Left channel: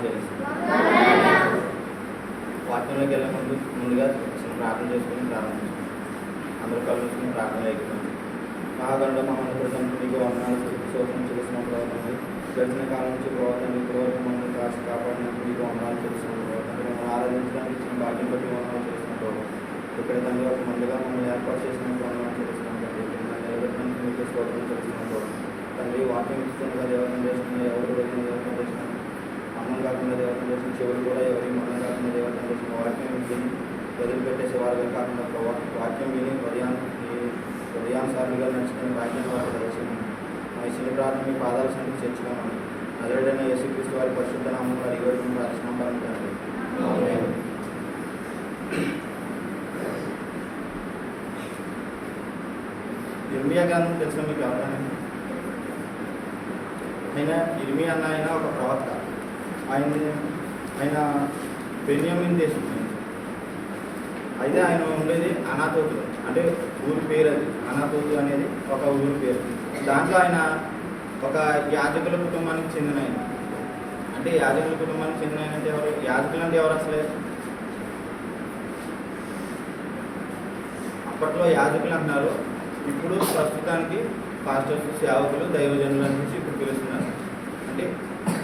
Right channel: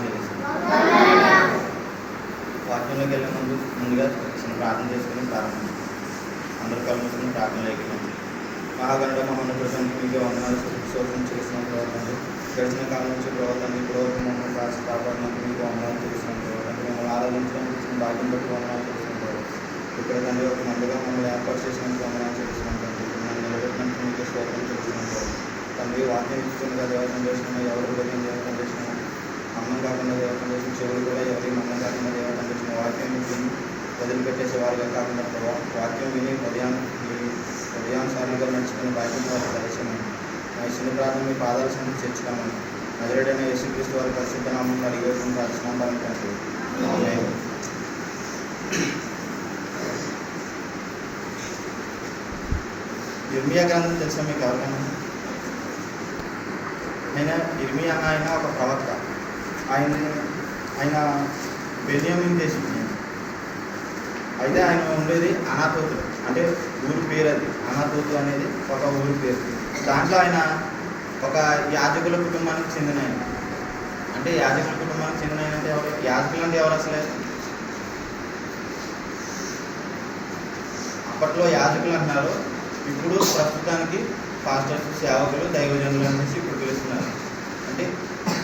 వందనాలు వాక్యంలోకి వెళ్ళే ముందు ముందుగా చిన్న ప్రార్థన చేసుకుని ప్రారంభించాం అందరూ కలుసుకుని ప్రార్థనలోకి వెళ్ళాం మహాగణుడు మమ్మల్ని కృష్ణ మీకు వందనాలు శోషం చేసిన ప్రవర్తన గడిచిన కాలం నుంచి ప్రవర్తన ఇప్పుడు మమ్మల్ని కాచి కాపాడినందుకు మీకు వందనాలు చేసిన ప్రవర్తన మమ్మల్ని ఆరాధించడానికి భాగ్యం బట్టి వందనాలు చేసిన ప్రవర్తన ఇక్కడ తండ్రి ఒక ముందుగా మమ్మల్ని ఏర్పాటు చేసిన తండ్రి మమ్మల్ని నిలబెట్టినందుకు మీకు స్తోత్రం చేసిన ప్రవర్తన తండ్రి వాక్యం ఇస్తుండగా దేవతం చేసిన ఎవరు కూడా దేవతం చేసిన అన్నం కాకుండా దేవతం చేసిన చెవులు కూడా ఎవరి మన్నం కాకుండా దేవతం చేసిన వాక్యం విని వదిలిపెట్టేసే వారుగా కాకుండా ప్రభావ వాక్యం విని హృదయాన్ని హృదయానుసారంగా నడుచుకునే వాక్యం ద్వారా దర్శనం శిల ప్రార్థన మీ పాదాల సంగతి చేర్చుకోమని నజరుడైన యేసుక్రీస్తు వారి పరిశుద్ధ నామం వారి వచ్చిన రాసినాం ఇర్మియా గ్రంథం తెలిసిన మీకు ఎవరైనా ఆయన ఇర్మియా ఆయన ఒక ప్రవక్త. ఆయన ఆయన బెన్యామిన్ దేశం. అయితే ఆయన ఉండేది అనాథోతు. అంటే ఊరి పేరు అది అనాథోతు అనేది ఒక ఊరి పేరు. దాంట్లో ఆయన ఒక యాజకుల కుటుంబానికి చెందిన ఆయన. అంటే యాజకుల కుటుంబానికి చెందిన ఆయన అంటే ఎవరు? యాజకులు అంటే ఎవరు అసలే? అప్పట్లో యాజకులు అంటున్నారు. ఇప్పుడు ప్రస్తుతానికి పాస్టర్స్ సేవకులు దైవజనులు అనేసి ఇప్పుడు పిలుస్తున్నారు. అంటే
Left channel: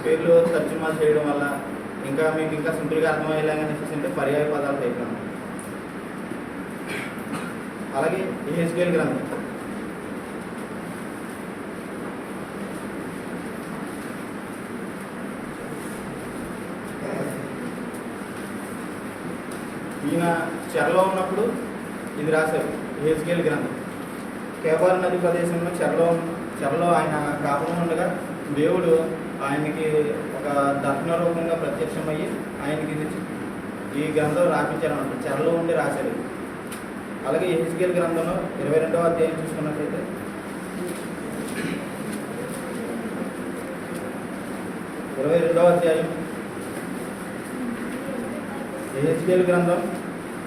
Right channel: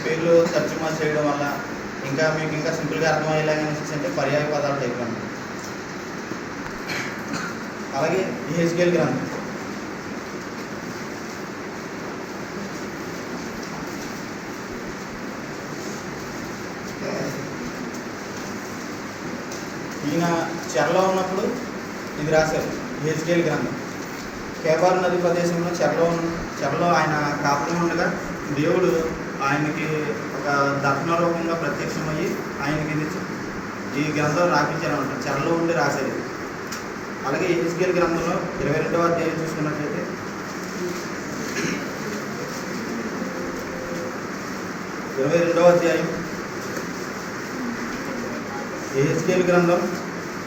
పేర్లు తర్జుమా చేయడం వల్ల ఇంకా మీకు ఇంకా సింపుల్గా అర్థమయ్యేలాగా అనేసి అంటే పర్యాయ పదాలు అయిపోయింది అలాగే ఈ గ్రంథం. ఈయన చెరలో ఉన్నప్పుడు ఇది రాశారు హెచ్కేల్ గ్రంథం. కేబార్ నది ప్రదేశంలో చెరలో చెరలో ఆయన కాపురం ఉండగా దేవుడు ఆయనకి ఒక దర్శన రూపంగా ప్రత్యక్షమయ్యి ఆయనకి ఇది ఈ గ్రంథం రాపించారనమాట చెరలో ఉండి రాశారు ఇది. అలాగే హెచ్కేల్ గ్రంథంలో ఇరవై రెండవ అధ్యాయం చూసుకున్నట్లయితే. ఇరవై రెండవ అధ్యాయం. హెచ్కేల్ గ్రంథం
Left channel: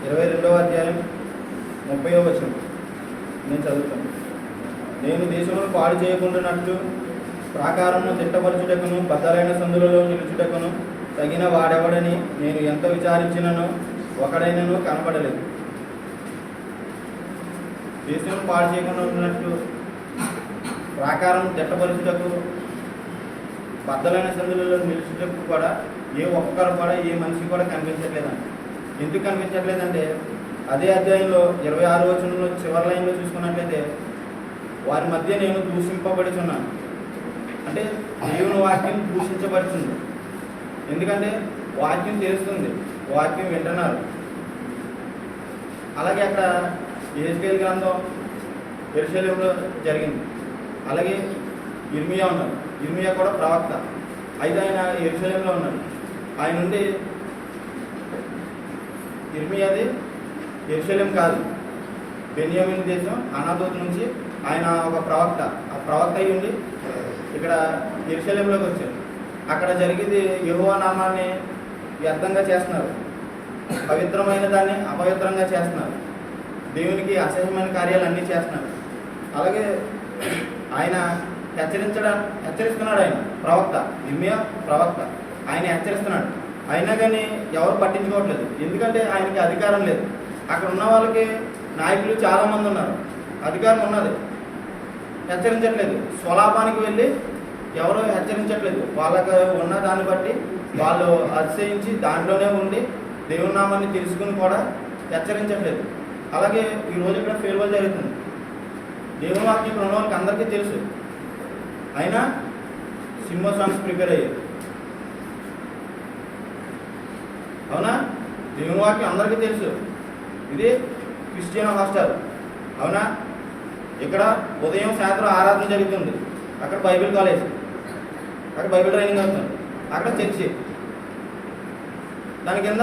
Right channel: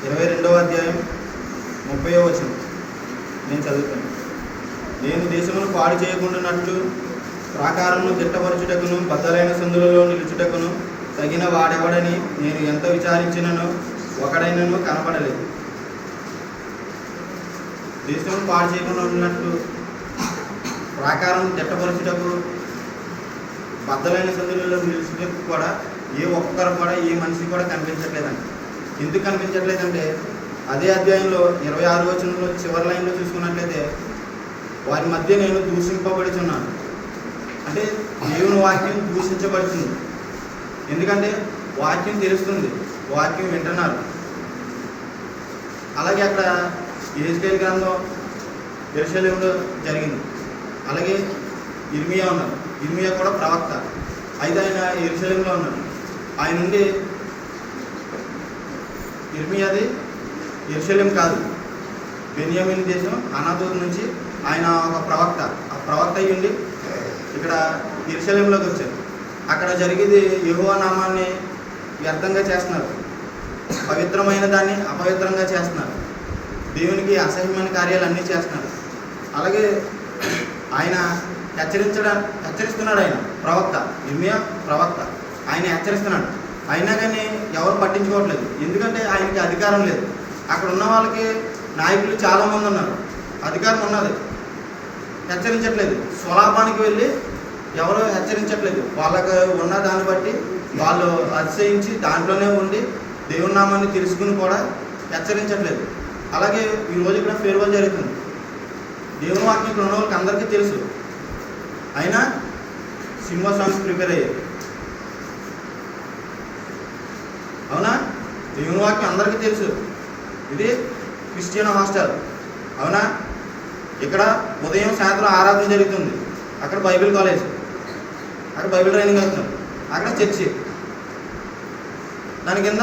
ఇరవై రెండవ అధ్యాయం ముప్పై వచనం. నేను చదువుతాను. నేను దేశంలో పాడు చేయకుండానట్లు ప్రాకారమును దిట్టపరచుటకును బద్దలైన సందులలో నిలుచుటకును తగిన వాడెవడని నేను ఎంత విచారించినను ఒకడైనను కనపడలేదు. దేశం పాడు చేయకుండా ఉన్నట్లు ప్రాకారం దిట్టపరచుటకు బద్దలైన సందులలో నిలుచుటకు కూడా ఏ ఒక్కరు కూడా ఏ మనిషి కూడా కనిపించట్లేదండి. ఎందుకు కనిపించట్లేదంటే అదే అధ్యాయంలో ఇరవై ఆరు వచనంలో చివరి లైన్లో చూసుకున్నట్లయితే వారి మధ్య నేను దూషింపబడుచున్నాను. అంటే దేవుని వాక్యం దూషించబడుతుంది. ఎందుకంటే వాక్యం తెలుస్తుంది వాక్యం వింటున్నారు. అలాగే అక్కడ ఏజ్కేల్ గ్రంథం ఎరుసలేంలో జరిగింది. అలాగే ఇర్మియా ఉన్నారు. ఇర్మియా కూడా ప్రవక్త. అయితే ఆయన ఎరుసలేంలో ఉన్నారు. ఆయన నుండి ఇర్మియాది ఎరుసలేం కాదు. బెన్యామిన్ దేశం అనాథూర్ నుంచి ఆయన ఒక ప్రవక్త. ఆ ప్రవక్త అయ్యుండి ఇక్కడ ఎరుసలేంలోకి వచ్చారు. అక్కడ జరిగేది యెహోవా నామాన్ని వ్యర్థంగా చేస్తున్నారు. పవిత్రమైన దాన్ని అపవిత్రంగా చేస్తున్నారు. దేవునికి అసహ్యమైన కార్యాలు అన్నీ చేస్తున్నారు అలాగే ఆయన హెచ్చరించడం హెచ్చరిస్తున్నాడు ఆయన ప్రవక్త ఇర్మియా ప్రవక్త. ఆయన హెచ్చరిస్తున్నాడు. అయినా కానీ ఎవరు పట్టించుకోవట్లేదు. ఎందుకంటే ఆయనకి అధికారం లేదు. అక్కడ ఉన్న వాళ్ళకి నాయకులు చాలామంది ఉన్నారు. అధికారం ఉన్నది. హెచ్చరించట్లేదు. స్వలాభానికి వెళ్ళి ఎవరు హెచ్చరించట్లేదు. వాళ్ళకి ఉన్న దాన్ని బట్టి వాళ్ళు అతిశయించి దాంట్లోనే ఉండి దేవుని నామాన్ని తెలుసుకుని కూడా హెచ్చరించట్లేదు. అలాగే ఈ రోజు కూడా ఫేర్వెల్ జరుగుతుంది. దేవుని వాక్యం ఉన్న వాళ్ళకి అందరికీ తెలుసు. అయినా సినిమా సాంగ్స్ ప్రిపేర్ అయ్యాయి. అవునా? దేవుని వాక్యం అందరికీ తెలుసు. ఇది క్రిస్టియన్ హాస్టల్. అవునా? ఇక్కడ ఉదయం సాయంత్రం ఆరాధన జరుగుతుంది. అక్కడ బైబిల్ కాలేజ్. అక్కడ బైబిల్ ట్రైనింగ్ అవుతుంది అక్కడ చర్చి. దాని కింద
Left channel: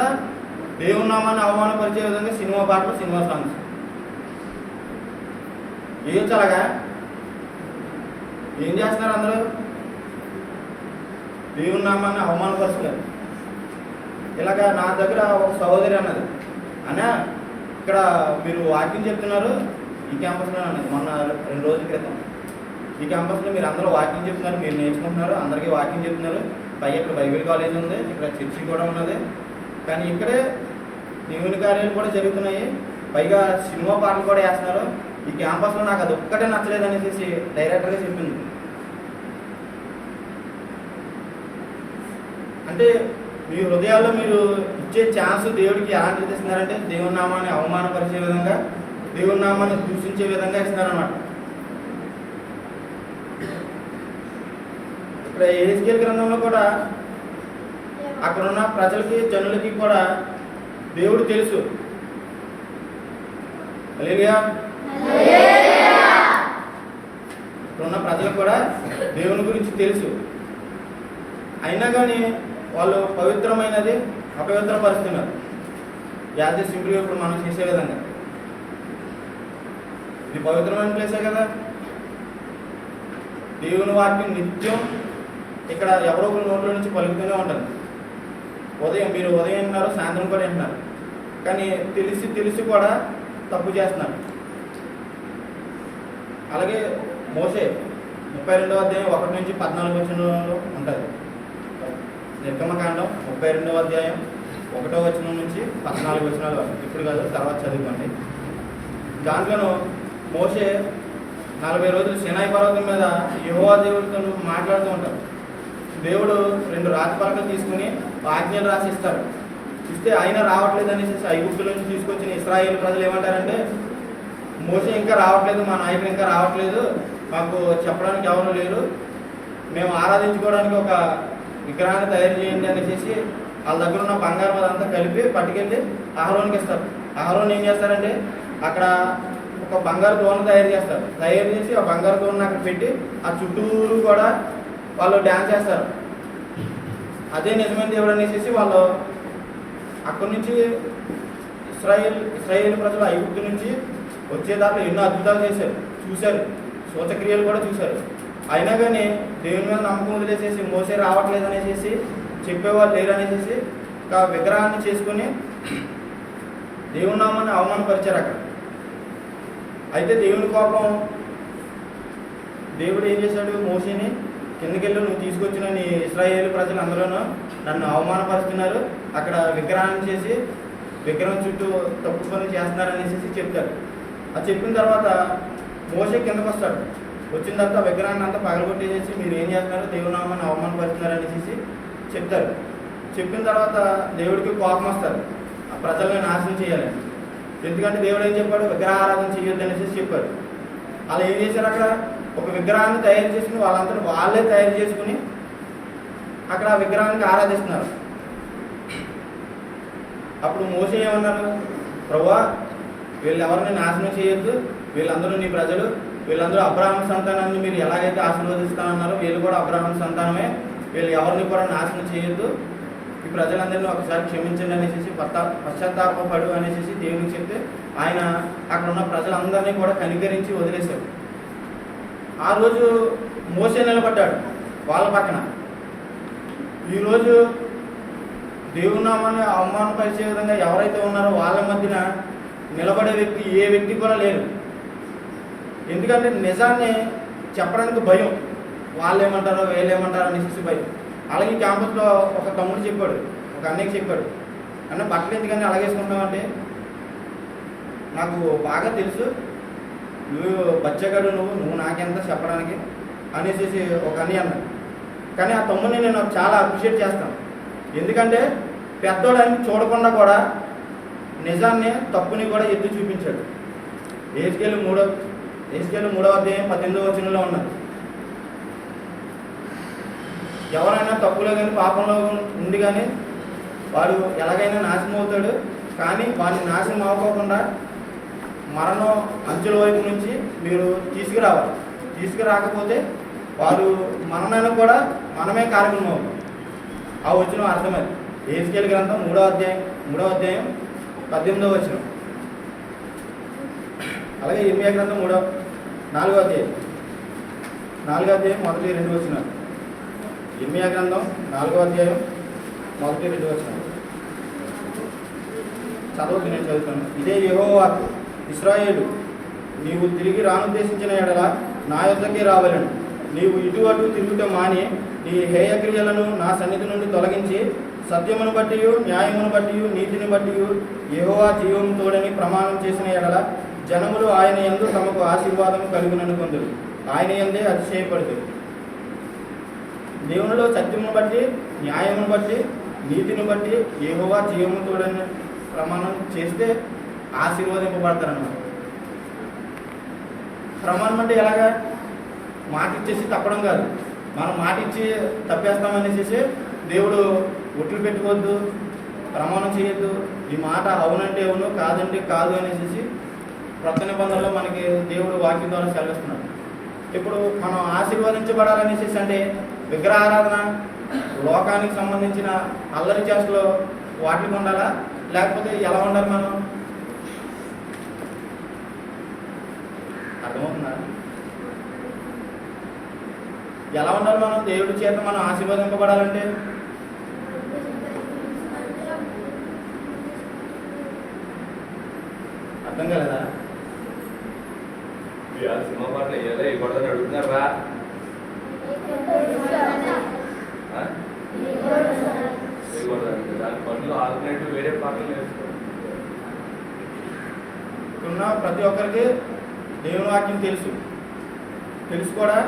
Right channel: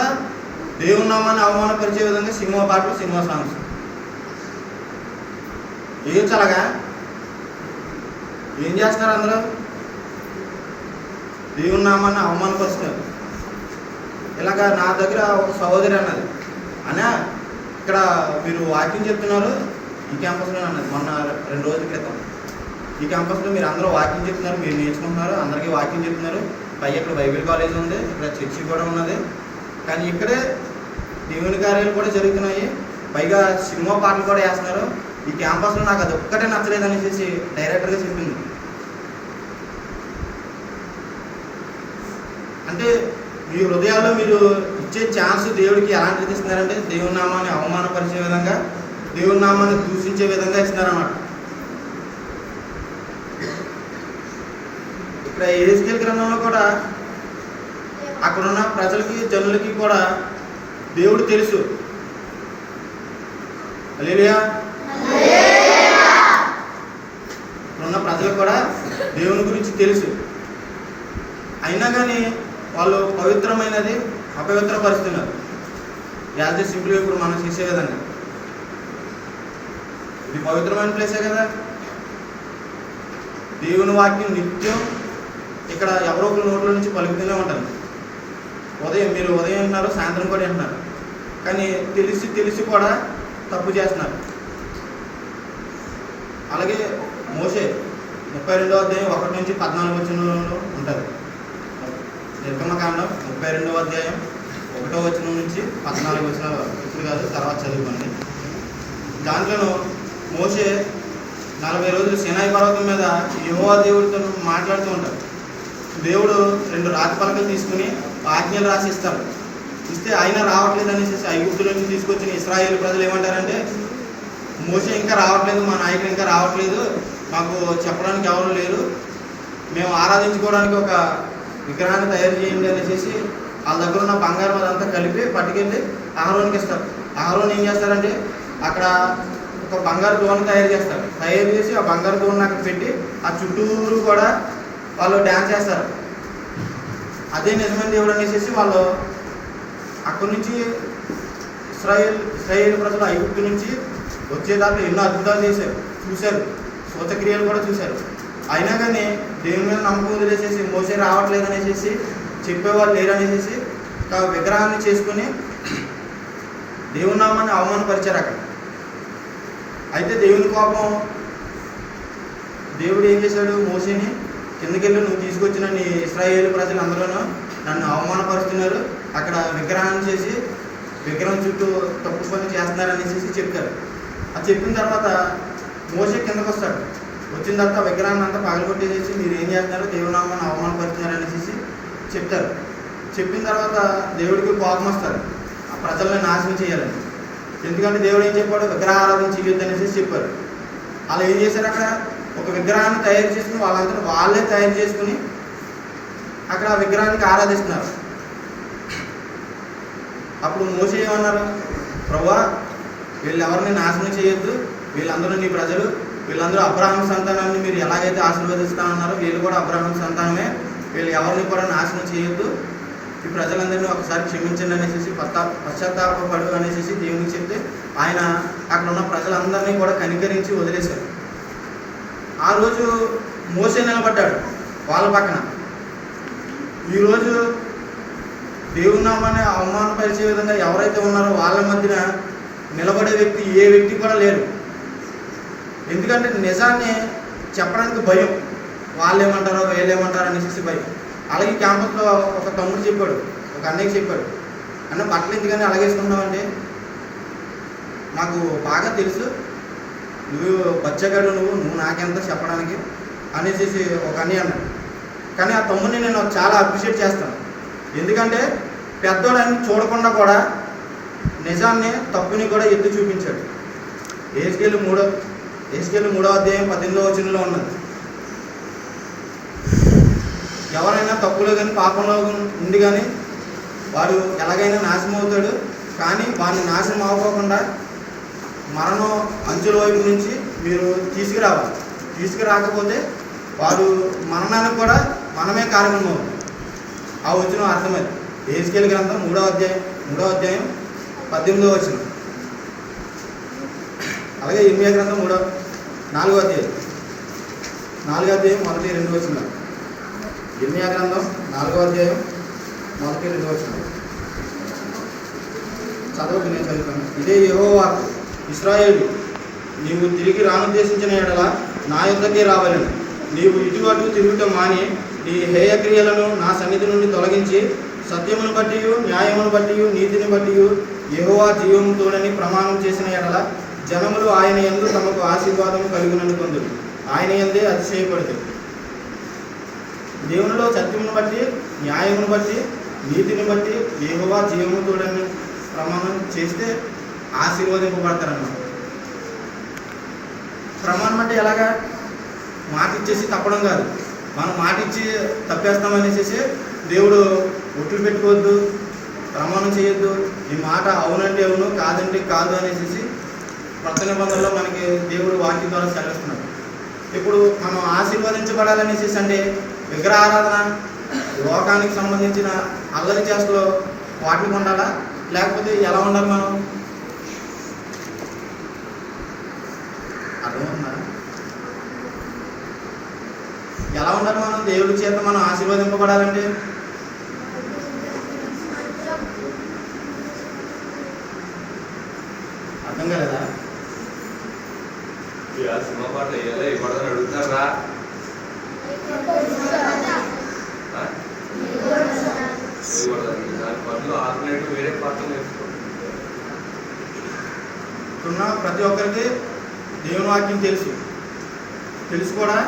దేవుని నామాన్ని అవమానపరిచే విధంగా సినిమా పాటలు సినిమా సాంగ్స్ ఏం చలగా ఏం చేస్తున్నారు అందరూ? దేవుని నామాన్ని అవమానపరుస్తున్నారు. ఇలాగా నా దగ్గర ఒక సహోదరి అన్నది అన్నా ఇక్కడ మీరు వాక్యం చెప్తున్నారు ఈ క్యాంపస్లో అన్నది మొన్న రెండు రోజుల క్రితం. ఈ క్యాంపస్లో మీరు అందరూ వాకింగ్ చెప్తున్నారు మీరు నేర్చుకుంటున్నారు అందరికీ వాకింగ్ చెప్తున్నారు. పైగా ఇక్కడ బైబిల్ కాలేజ్ ఉంది ఇక్కడ చర్చి కూడా ఉన్నది. కానీ ఇక్కడే దేవుని కార్యాలు కూడా జరుగుతున్నాయి. పైగా సినిమా పాటలు కూడా వేస్తున్నారు. ఈ క్యాంపస్లో నాకు అది ఒక్కటే నచ్చలేదు అనేసి డైరెక్టర్గా చెప్పింది. అంటే మీ హృదయాల్లో మీరు ఇచ్చే ఛాన్స్ దేవుడికి ఎలాంటిది ఇస్తున్నారంటే దేవుని నామాన్ని అవమానపరిచే విధంగా దేవుని నామాన్ని దూషించే విధంగా ఇస్తున్నారన్నమాట. ఇక్కడ ఏస్కేల్ గ్రంథంలో కూడా అక్కడున్న ప్రజలకి జనులకి కూడా దేవుడు తెలుసు. హల్లెలూయా. ఇక్కడున్న ప్రజలకు కూడా దేవుని గురించి తెలుసు. అయినా కానీ వాళ్ళు పవిత్రమైనది అపవిత్రపరుస్తున్నారు. యాజ్ సింపుల్గా ఇప్పుడు మనం చేసే విధంగా. ఇది పవిత్రమైన ప్లేసే కదా. దేవుని వాక్యం నిత్యం ఇక్కడ ఎవరో ఒకరి నోట్ల నుంచి పలుకుతూనే ఉంటుంది. ఉదయం మీరు ఉదయం ఉన్నారు సాయంత్రం కూడా ఉన్నారు కానీ తెలిసి తెలిసి కూడా తప్పు చేస్తున్నారు. అలాగే మోసే ముప్పై రెండవ అధ్యాయం ఒకటి నుంచి పద్నాలుగు వచనంలో ఉంటుంది నిర్గమకాండం ముప్పై రెండవ అధ్యాయం ఒకటో వచనం నుంచి పద్నాలుగు వచనం ఇప్పుడు కాదు తర్వాత చదువుకోండి. దాంట్లోనూ మోసే నలభై రోజులు సినాయి పర్వతం మీద యువ దేవుడితో మాట్లాడుతూ ఉంటాడు. దేవుడు రెండు రాతి పలకలు తీసుకుని ఆజ్ఞలు రాసి ఇస్తారు ఇస్తే ఆయన రావట్లేదు అనేసి ఐగుప్తుల నుంచి తీసుకొచ్చిన ఇస్రాయేల్ ప్రజలు ఏమంటారంటే మోస ఇంకా రావట్లేదు మా నాయకుడు ఇంకా రావట్లేదు మాకు చెప్పడానికి ఎవరు లేరు. మేము ఆరాధించుకోవడానికి ఒక విగ్రహాన్ని తయారు చేయండి అనేసి వాళ్ళ దగ్గర ఉన్న బంగారం అదంతా కలిపి పట్టుకెళ్ళి ఆహారోనికి ఇస్తారు. ఆహారం ఏం చేస్తారంటే అక్కడ ఒక బంగారు దోణ తయారు చేస్తారు. తయారు చేసి ఆ బంగారు దోణ అక్కడ పెట్టి ఆ చుట్టూరు కూడా వాళ్ళు డ్యాన్స్ చేస్తారు అదే నిజమైన దేవుడు అనేసి వాళ్ళు అక్కడి నుంచి ఇస్రాయేల్ ఇస్రాయేల్ ప్రజలు ఐగుప్తు నుంచి వచ్చేదాకా ఎన్నో అద్భుతాలు చేశారు. చూశారు. సూచక్రియలు కూడా చూశారు. అయినా కానీ దేవుని మీద నమ్మకం వదిలేసేసి మోసే రావట్లేదు అనేసి చెప్పేవాళ్ళు లేరు అనేసి ఒక విగ్రహాన్ని చేసుకుని దేవుని నామాన్ని అవమానపరిచారు అక్కడ. అయితే దేవుని కోపం దేవుడు ఏం చేశాడు? మోసేని కిందకెళ్ళి నువ్వు తీసుకొచ్చిన నీ ఇస్రాయేల్ ప్రజలు అందరూను నన్ను అవమానపరుస్తున్నారు. అక్కడ విగ్రహాన్ని చేసి విగ్రహం చుట్టూ తప్పుకొని చేస్తున్నారు అనేసి చెప్తారు అది చెప్పిన తర్వాత మోసే కిందకు వస్తాడు. వచ్చిన తర్వాత విగ్రహాన్ని అంతా పగలగొట్టేసేసి మీరు ఏం చేస్తున్నారు? దేవునామాన్ని అవమానపరుస్తున్నారు అనేసి చెప్తారు. చెప్పిన తర్వాత దేవుడికి కోపం వస్తారు. ఆ ప్రజల్ని నాశనం చేయాలని. ఎందుకంటే దేవుడు ఏం చెప్పాడు? విగ్రహ ఆరాధన చేయొద్దు అనేసి చెప్పారు. అలా ఏం చేశారు అక్కడ? ఒక విగ్రహాన్ని తయారు చేసుకుని వాళ్ళంతా వాళ్ళే తయారు చేసుకుని అక్కడ ఆ విగ్రహానికి ఆరాధిస్తున్నారు. అప్పుడు మోసే ఏమన్నారు? ప్రభా వీళ్ళెవరిని నాశనం చేయొద్దు. వీళ్ళందరూ నీ ప్రజలు. వీళ్ళందరూ అబ్రాహ్మ సంతానాన్ని మీరు ఎలాగైతే ఆశీర్వదిస్తామన్నారో వీళ్ళు కూడా అబ్రాహ్మ సంతానమే. వీళ్ళు ఎవరిని కూడా నాశనం చేయొద్దు. ఈ ప్రజలందరినీ ఒకసారి క్షమించండి అనేసి పశ్చా పశ్చాత్తాపడు అనేసి దేవుని చెప్తే ఆయన అక్కడ ఉన్న ప్రజలందరినీ కూడా కనికరించి వదిలేశారు. ఆ రోజు మోసే నిలబడ్డాడు వాళ్ళ పక్కన. ఈరోజు దేవుని నామాన్ని అవమానపరిచే విధంగా ఎవరైతే ఉన్నారో వాళ్ళ మధ్యన నిలబడే వ్యక్తి ఏ వ్యక్తి కూడా లేరు. ఎందుకంటే నిజాన్ని చెప్పడానికి భయం. వాళ్ళు ఏమంటారో వీళ్ళు ఏమంటారో అనేసి భయం. అలాగే క్యాంపస్లో ఒక తమ్ముడు చెప్పాడు ఒక అన్నయ్యకి చెప్పాడు. అంటే బట్టలు ఎందుకని అలాగేసుకుంటామంటే నాకు బాగా తెలుసు. నువ్వు బచ్చగాడు నువ్వు నువ్వు నాకెంత చెప్పడానికి? అనేసి ఒక అని అన్నాడు. కానీ ఆ తమ్ముడిని నేను చాలా అప్రిషియేట్ చేస్తాను. ఎందుకంటే పెద్దోళ్ళని చూడకుండా కూడా నిజాన్ని తప్పుని కూడా ఎత్తి చూపించాడు. ఏసుకెళ్ళి మూడో ఏసుకెళ్ళి మూడో అధ్యాయం పద్దెనిమిదో వచనంలో ఉన్నది. ఎవరైనా తప్పులో కానీ పాపంలో ఉంది కానీ వారు ఎలాగైనా నాశనం అవుతాడు. కానీ వారిని నాశనం అవ్వకుండా మరణం అంచుల వైపు నుంచి మీరు తీసుకురావాలి. తీసుకురాకపోతే వారు మరణానికి కూడా మనమే కారణం ఆ వచ్చిన అర్థమైంది. ఏసుకెళ్ళి గ్రంథం మూడో అధ్యాయం మూడో అధ్యాయం పద్దెనిమిదో వచ్చిన అలాగే ఇరవై గ్రంథం మూడో నాలుగో అధ్యాయం. నాలుగో అధ్యాయం మొదటి రెండు వచ్చిన ఇర్మియా గ్రంథం నాలుగో అధ్యాయం మొదటి రెండు వచ్చిన చదవద్దు నేను చదువుతాను. ఇదే ఏవో వార్త ఇస్రాయేలు నీవు తిరిగి రానుద్దేశించిన ఎడల నా యొద్దకే రావలను. నీవు ఇటు అటు తిరుగుట మాని ఈ హేయక్రియలను నా సన్నిధి నుండి తొలగించి సత్యమును బట్టి న్యాయమును బట్టి నీతిని బట్టి యహోవా జీవముతోడని ప్రమాణం చేసిన ఎడల జనములు ఆయన ఎందు తమకు ఆశీర్వాదం కలుగునని ఆయన ఎందే అతిశయపడుతుంది దేవునిలో సత్యమును బట్టి న్యాయమును బట్టి నీతిని బట్టి యెహోవా జీవముతోడని ప్రమాణం చేస్తే ఆశీర్వదింపబడతారన్నమాట. ప్రమాణం అంటే ఎలాగా? మాట ఇచ్చేసి తప్పడం కాదు. మనం మాట ఇచ్చి తప్పేస్తామనేసి దేవుడు ఒట్లు పెట్టుకోవద్దు ప్రమాణం చేయొద్దు. ఈ మాట అవునంటే అవును కాదంటే కాదు అనేసి కొత్త నిబంధనలో మనకి దేవుడు వాక్యం ద్వారా సెలవిస్తున్నాడు. ఇప్పుడు మనం ఆశీర్వదించబడాలనేసి అంటే విగ్రహారాధన లోకానికి సంబంధించిన అల్లరి చేస్తలో వాటికి ఉండాలా? లేకపోతే ఎలా ఉండాలి మనం? ఎలా ఉండాలి మనం? దేవుడి చేత మనం ఆశీర్వదింపబడాలంటే? అర్థం కాలేదా? సినిమా పాట వేయాలి? గొడవ అడుగుతారా? దాని పనులు ఆల్టర్నేటివ్ వేరే పాటలు ప్రతి ఒక్కరికి దేవుని వాక్యం తెలుసు. తెలుసు కూడా?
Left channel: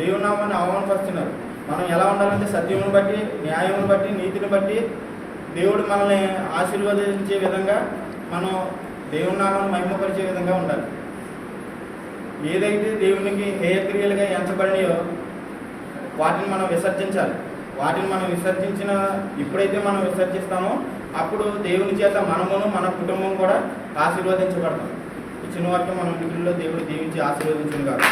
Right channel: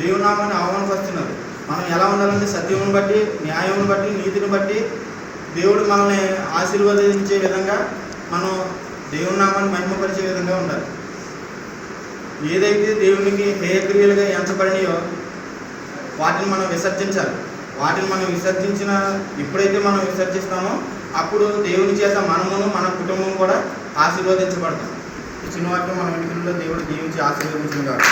దేవుని నామాన్ని అవమానపరుస్తున్నారు మనం ఎలా ఉండాలంటే సత్యమును బట్టి న్యాయమును బట్టి నీతిని బట్టి దేవుడు మనల్ని ఆశీర్వదించే విధంగా మనం దేవుని నామాన్ని మహిమపరిచే విధంగా ఉండాలి. ఏదైతే దేవునికి హేయక్రియలుగా ఎంచబడినాయో వాటిని మనం విసర్జించాలి. వాటిని మనం విసర్జించిన ఎప్పుడైతే మనం విసర్జిస్తామో అప్పుడు దేవుని చేత మనమును మన కుటుంబం కూడా ఆశీర్వదించబడతాం. ఈ చిన్న వాక్యం మన ఇంటిలో దేవుడు దీవించి ఆశీర్వదించింది కాదు